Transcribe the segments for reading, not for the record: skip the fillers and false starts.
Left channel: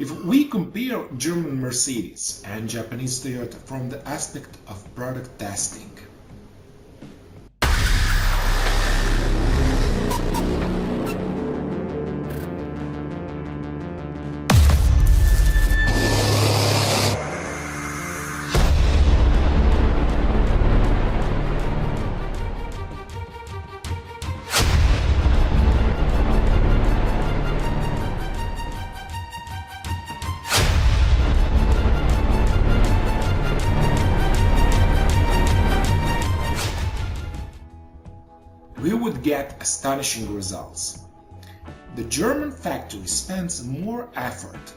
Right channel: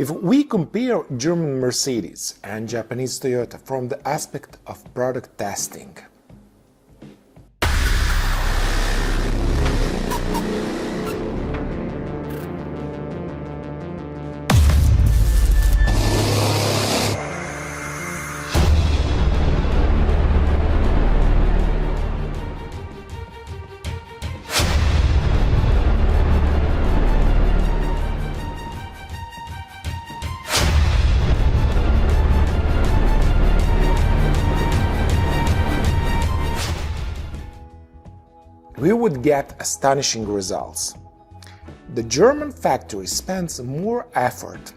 If we compare German Mercedes and Japanese Toyota from the aspect of product testing, we would get astonishing results. The German factory spends more effort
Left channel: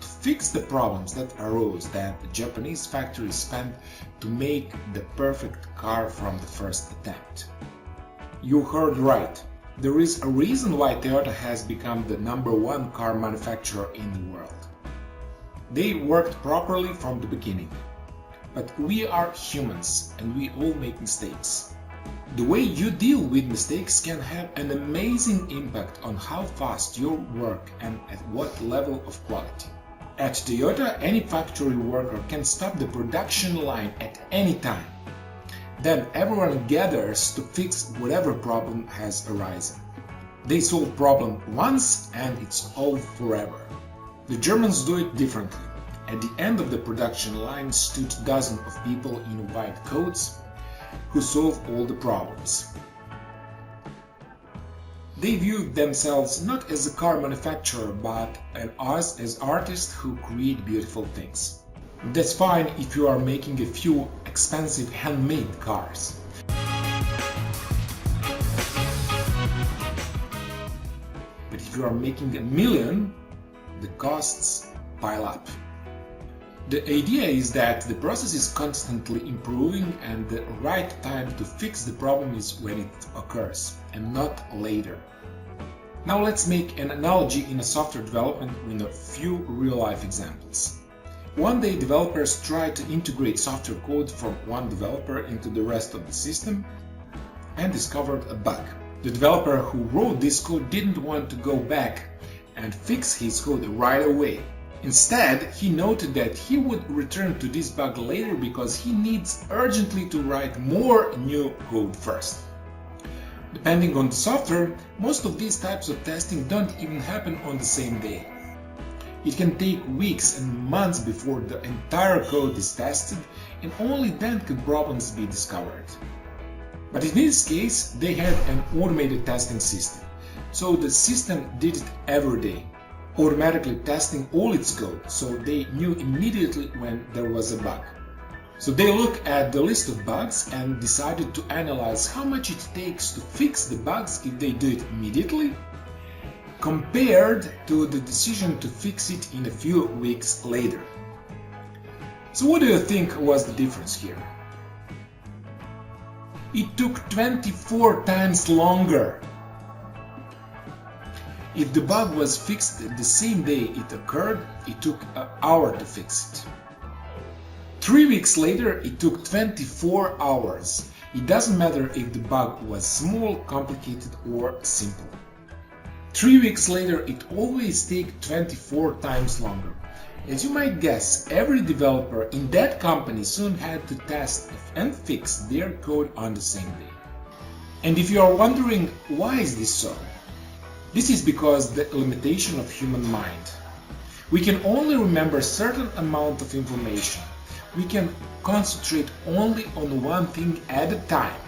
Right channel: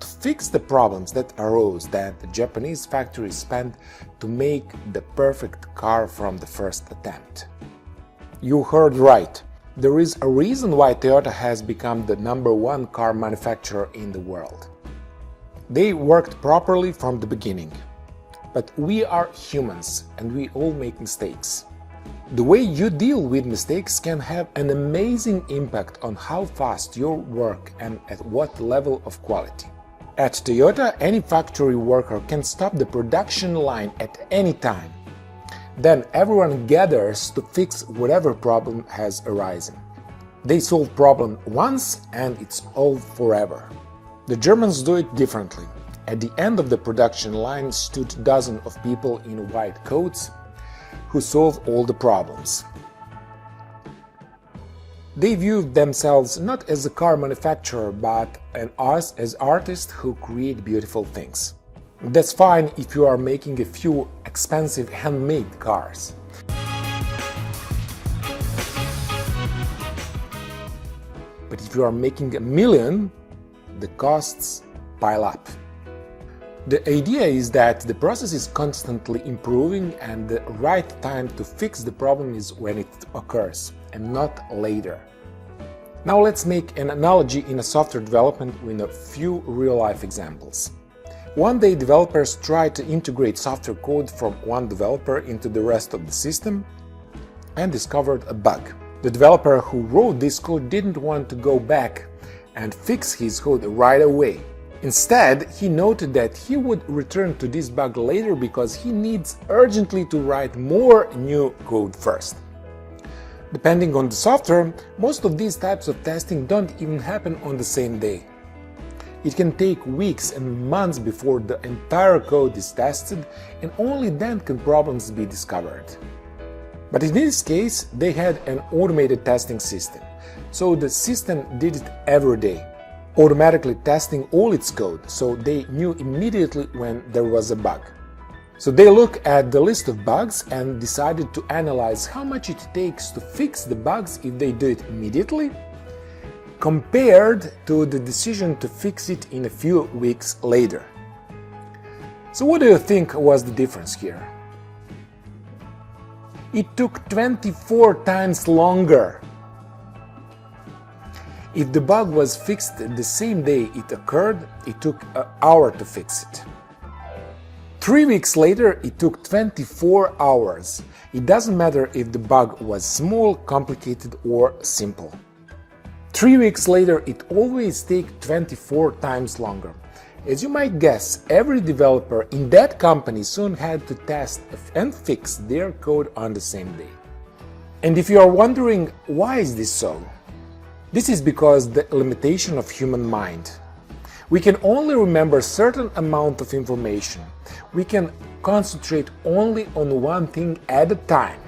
to fix the problems that arose than the Japanese factory spent to make the perfect car from the first attempt. You heard right. There is a reason why Toyota has become the #1 car manufacturer in the world. They worked properly from the beginning. But we are humans and we all make mistakes. The way you deal with mistakes can have an amazing impact on how fast you work and at what level of quality. At Toyota, any factory worker can stop the production line at any time. Then everyone gathers to fix whatever problem has arisen. They solve problem once and it's all forever. The Germans do it differently. At the end of the production line stood dozens of people in white coats who solve all the problems. They view themselves not as a car manufacturer but as artists who create beautiful things. That's fine if you are making a few expensive handmade cars. But if you are making 1 million, the costs pile up. The idea is that the process is constantly improving and the right time to fix the problem is when it occurs and not later. Now let's make an analogy in a software development with a few real-life examples. One day developers tried to integrate software code from one developer into the rest of the system and discovered a bug. The developer who wrote this code didn't want to go back and fix his code right away. Instead, he noted that he would return to this bug later because he needs urgently to write more new code first. Depending on the software, most of these types of testing don't even happen on the same day. It can take weeks and months before the entire code is tested, and only then can problems be discovered. But in this case, they had an automated testing system, so the system did it every day, automatically testing all its code, so they knew immediately when there was a bug. So they looked at the list of bugs and decided to analyze how much it takes to fix the bugs if they do it immediately, compared to the decision to fix it in a few weeks later. So what do you think was the difference here? It took 24 times longer. If the bug was fixed the same day it occurred, it took an hour to fix it. 3 weeks later, it took 24 hours. It doesn't matter if the bug was small, complicated, or simple. 3 weeks later, it always takes 24 times longer. As you might guess, every developer in that company soon had to test and fix their code on the same day. And if you are wondering why is this so? This is because the limitation of human mind. We can only remember a certain amount of information. We can concentrate only on one thing at a time.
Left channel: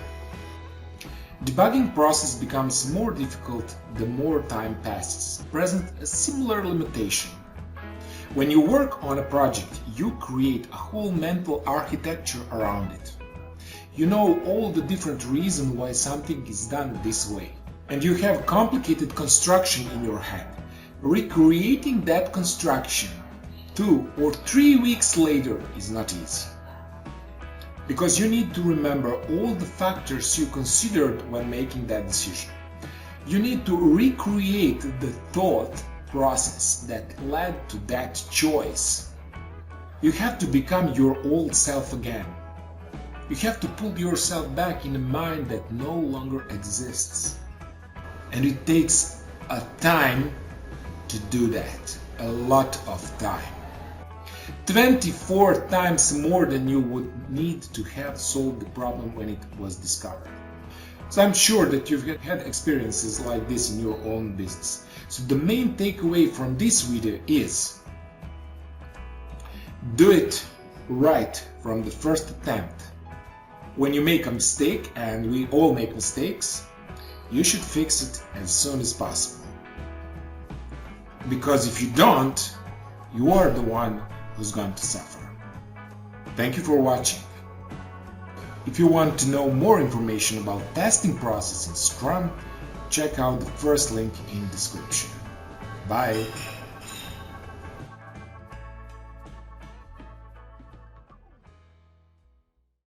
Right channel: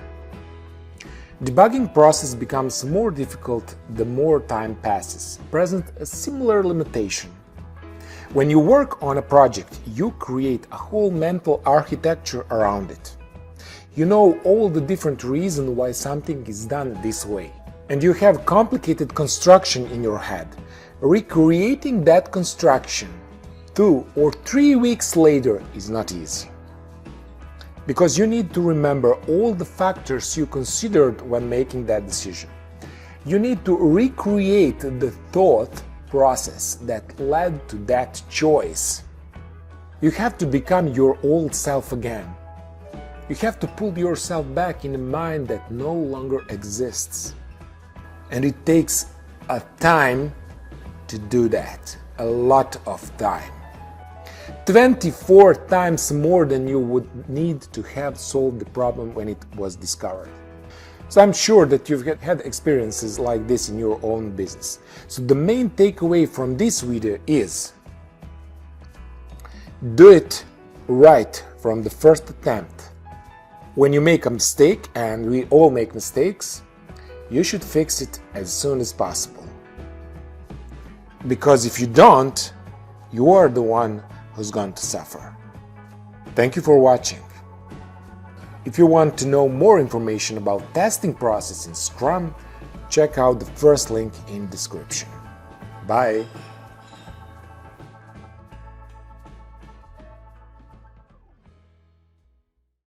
Debugging process becomes more difficult the more time passes, present a similar limitation. When you work on a project, you create a whole mental architecture around it. You know all the different reasons why something is done this way. And you have complicated construction in your head. Recreating that construction 2 or 3 weeks later is not easy. Because you need to remember all the factors you considered when making that decision. You need to recreate the thought process that led to that choice. You have to become your old self again. You have to pull yourself back in a mind that no longer exists. And it takes a time to do that. a lot of time. 24 times more than you would need to have solved the problem when it was discovered. So I'm sure that you've had experiences like this in your own business. So the main takeaway from this video is: do it right from the first attempt. When you make a mistake, and we all make mistakes, you should fix it as soon as possible. Because if you don't, you are the one who's going to suffer. Thank you for watching. If you want to know more information about testing process in Scrum, check out the first link in description. Bye!